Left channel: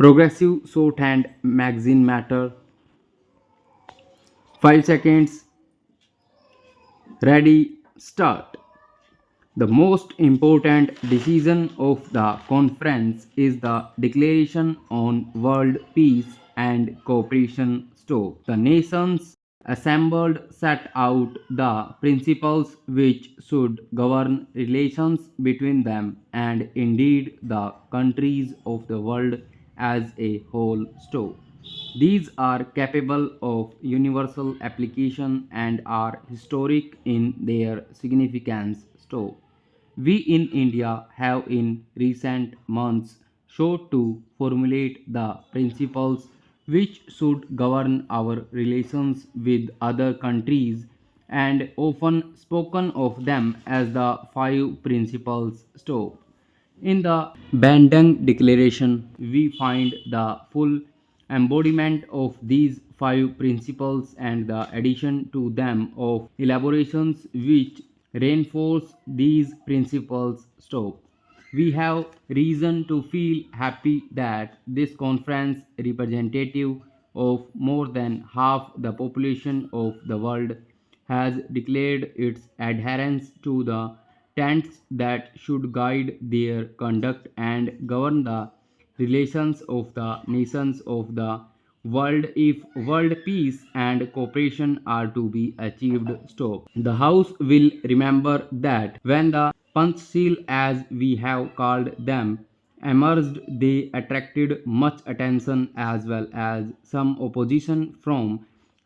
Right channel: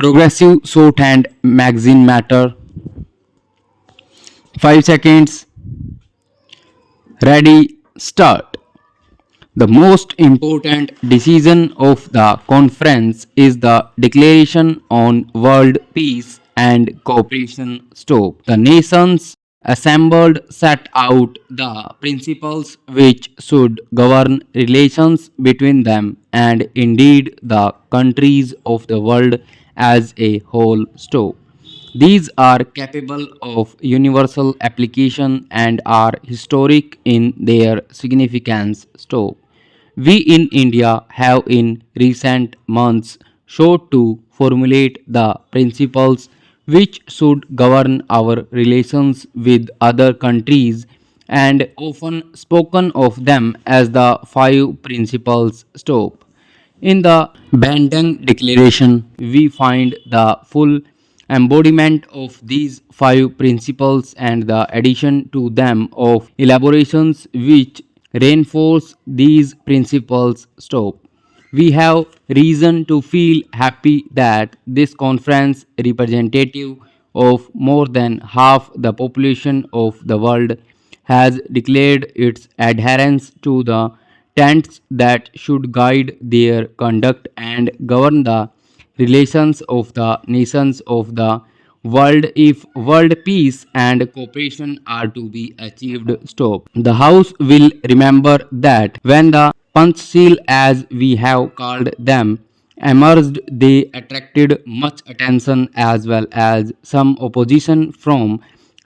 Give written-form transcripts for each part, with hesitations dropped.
Progressive shorthand magazine matter. 5 seconds. Ready, start. The most important decision of the conference is the Declaration on World Peace and Cooperation. The nations assembled set out the principles which should govern relations between them and indeed the countries of the world as a whole. These are capable of universal application and are historic in their significance. We in India have in recent months sought to formulate the principles which should govern our relations with other countries and often spoken of them as the five principles. In the Bandung Declaration, we find the full embodiment of these five principles and the addition to them of elaborations which reinforce these principles. We have reason to feel happy that this conference, representative of more than half the population of the world, has declared its adherence to the tenets that should guide their conduct and govern the relations of the nations of the world if world peace and cooperation are to be achieved. The House will remember that when the Panchsheel, as we have called them, emerged, they attracted much attention as well as some opposition from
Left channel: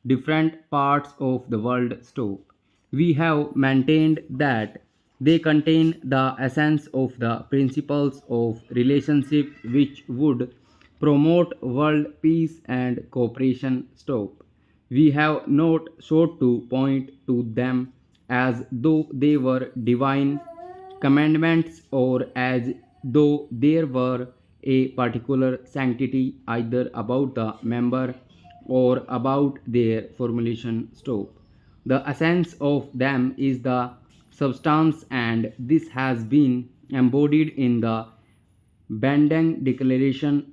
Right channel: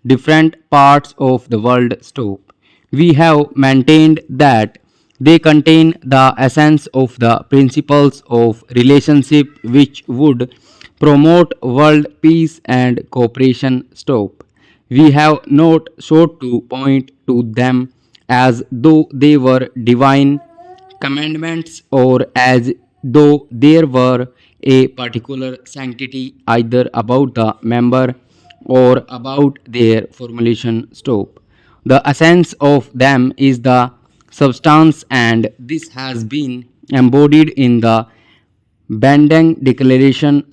different parts of the world. We have maintained that they contain the essence of the principles of relationship which would promote world peace and cooperation. We have not sought to point to them as though they were divine commandments or as though there were a particular sanctity either about the member or about their formulation. The essence of them is the substance, and this has been embodied in the Bandung Declaration.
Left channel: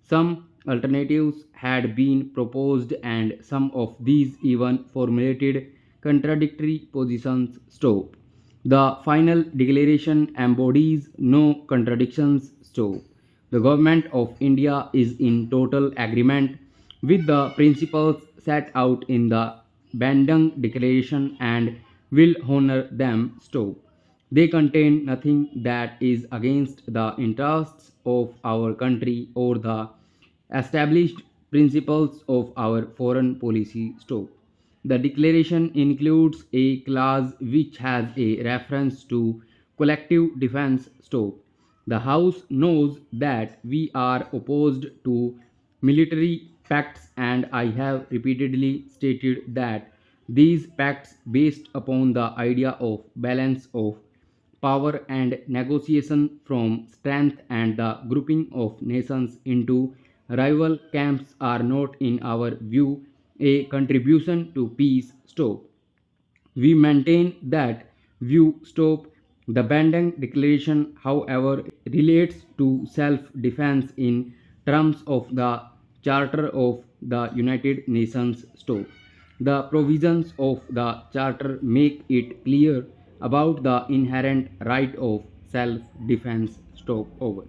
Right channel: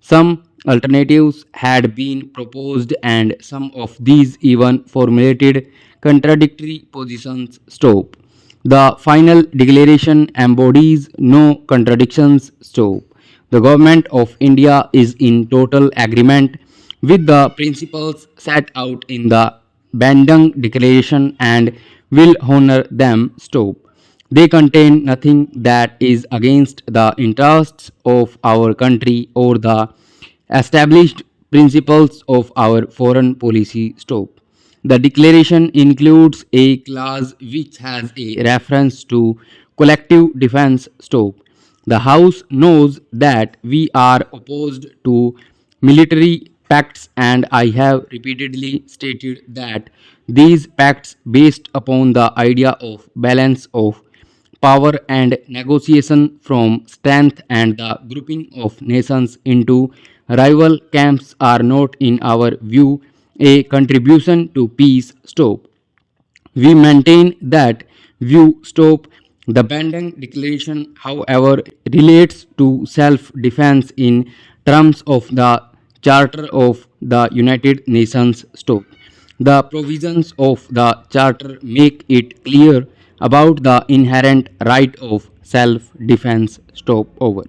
Some alternatives had been proposed, and some of these even formulated contradictory positions. The final declaration embodies no contradictions. The government of India is in total agreement with the principles set out in the Bandung Declaration and will honor them. They contain nothing that is against the interests of our country or the established principles of our foreign policy. The declaration includes a clause which has a reference to collective defense. The House knows that we are opposed to military pacts, and I have repeatedly stated that these pacts, based upon the idea of balance of power and negotiation from strength and the grouping of nations into rival camps, are not, in our view, a contribution to peace. We maintain that view. The Bandung Declaration, however, relates to self-defense in terms of the Charter of the United Nations. The provisions of the Charter make it clear about the inherent right of self-defense. Over.